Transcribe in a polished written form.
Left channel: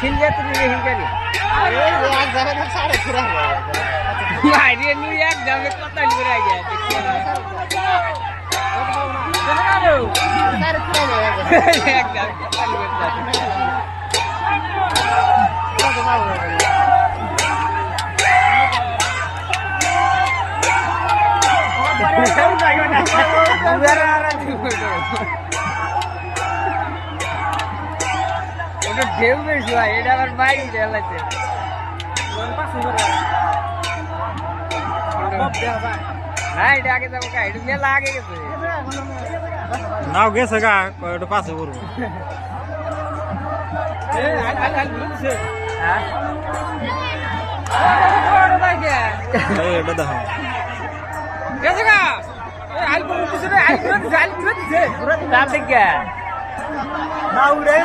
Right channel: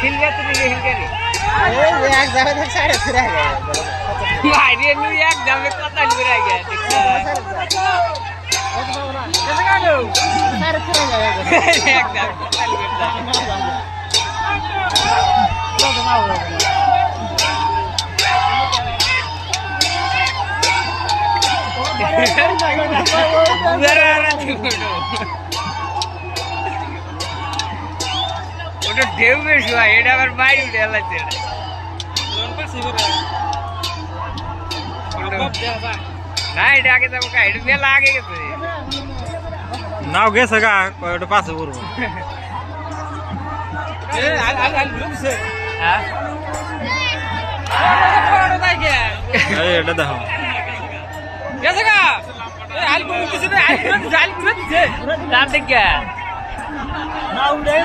সিলগা তুমি হিঙ্গারি এক জায়গা থেকে সাড়ে ফিরে মাইরে নু এক যাবে কথা লিরে আগে এক যাবে কথা লিরে ওটা ঢেউ বেশি হয় এটা আবার বাইরে উঠে এলাচ্ছে না এটা আগে যাবো কা এটা মেলা আগে গেছে নাও গেছে গা ওটা পাশে পড়বো হ্যাঁ এটা দেখো গেছে গা তার দিকে না উড়ে